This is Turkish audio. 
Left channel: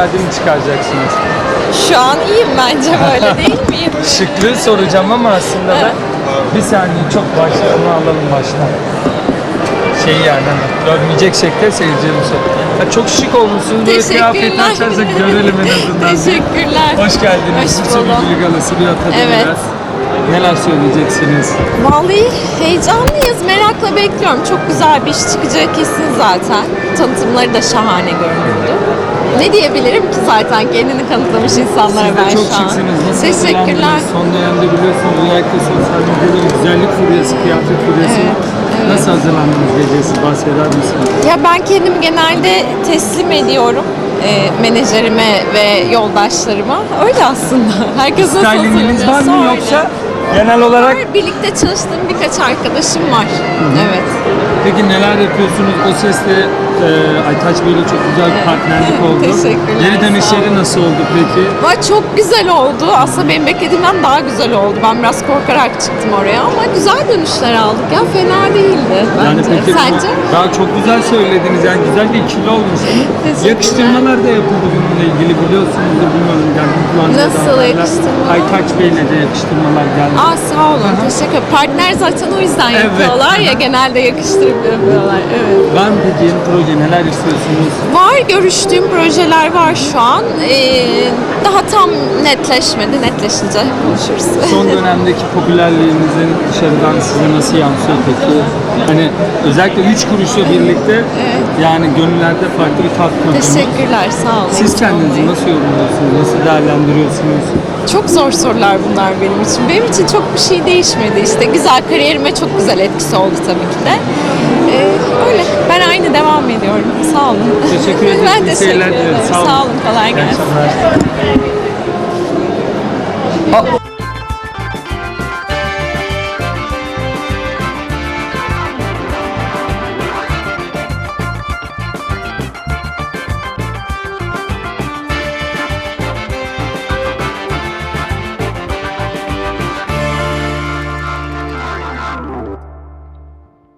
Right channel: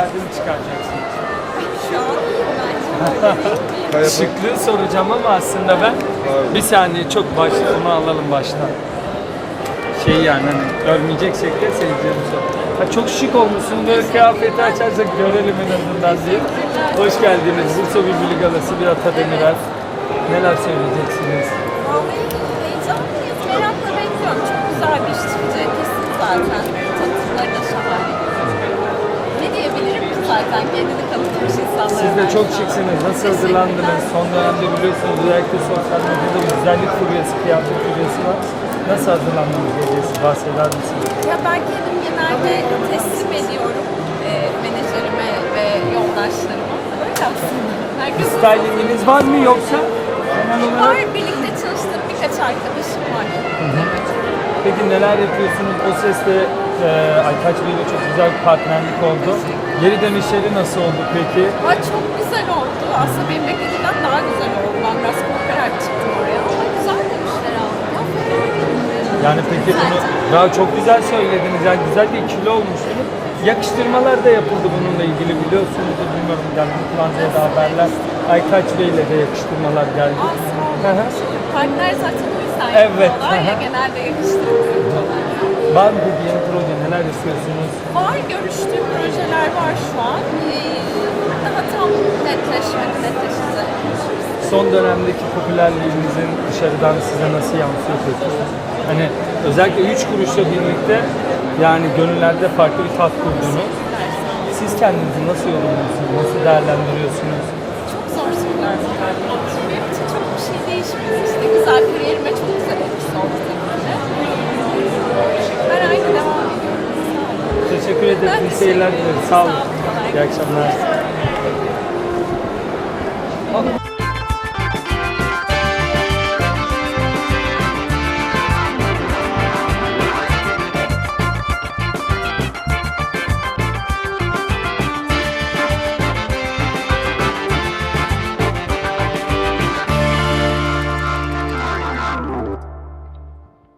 mi çıkaracaksınız? Şu an iyiyim bence böyle değil miyim? Şıklığı soracağım ama aslında ben bir saniye çok başlama alalım baştan. Şey yani hani görmeyecek şekilde seyircilerimiz Ha, çok şık olmuşsunuz. Böyle Teşekkürler. açarsak görelim en azından. Teşekkürler. Hoş geldiniz. Hoş Bursa bulduk. Bülbülü Galası bir atada Evet. biraz. Neler söyleyeceksiniz? Vallahi heyecanlıyız. Merakla bekliyorum. Çok güzel bir iş çıkacağı kesin zaten. Tanıtımları da şahane görünüyordu. Ne diyebilirim ki zaten kendini kanıtlamış insanlara Siz ben de çok şu an. şıksınız. Nasıl Teşekkürler. Son dönemde biliyorsunuz özellikle sosyal medyada bir güzellik furyası, kıyafet furyası var. Nasıl hazırlandınız diyeceğiz? Bahseder misiniz? Ya ben kendim genelde teslim ediyorum e, menajerime ve yoldaşlarıma. Öyle aslında. Herkesin Stylinginiz var mı yoksa genel olarak birlikte çalıştığım birkaç arkadaşım var. Evet. Peki neler yapıyorsunuz? O sesle e, Aytaç Bey'le çok güzel bir partnerlik oldu. Teşekkürler, Geri dönüşleri nasıl oldu peki? Ama çok güzel oldu. Aslında benim beklediğimden daha güzel oldu. Ben biraz korkarak çıktım oraya ama güzel dönüşler aldık ya. Fena değildi bence. Yani peki Sence? daha çok güzel söylediniz. Yani güzel bir ikili olmuşsunuz. Yakıştırmalar da yapıldı bununla ilgili biliyorsunuzdur bilmiyorum. Yani kullandığı Nasıl haberler. yakıştırmalar? Aytaç Bey'le de yakıştırmalar geldi. Aa sağ olun. Teşekkür Partner zaten o yüzden Evet. yapıyorlar ya. Genelde Evet. Var mı peki yeni proje neler istiyorsunuz? Var görüştüğüm projeler var şu an. Ee, daha tam netleşmedi. Netleşince konuşuruz. Son dönemdeki popülerliğinizin dışarıdan size nasıl yansıyor peki? Hani özellikle 3 kuruşla birlikte yani gönüllerde farklı bir tat kurdunuz. Teşekkürler. Sağ olun. Siz kendinizi nasıl yorumluyorsunuz? Nasıl değerlendiriyorsunuz? Çok zor sorular bunlar benim için. Benim için çok bir şey değişmedi. İşte güzel kariyerime çok güzel etkisi oldu tabii ki de. Ee, öyle. Ben aynı devam ediyorum. Sağ olun. Teşekkür ederim. Ben İyi teşekkür ederim. Sağ olun. Sağ olun. Kolay İyi gelsin. akşamlar. Aa,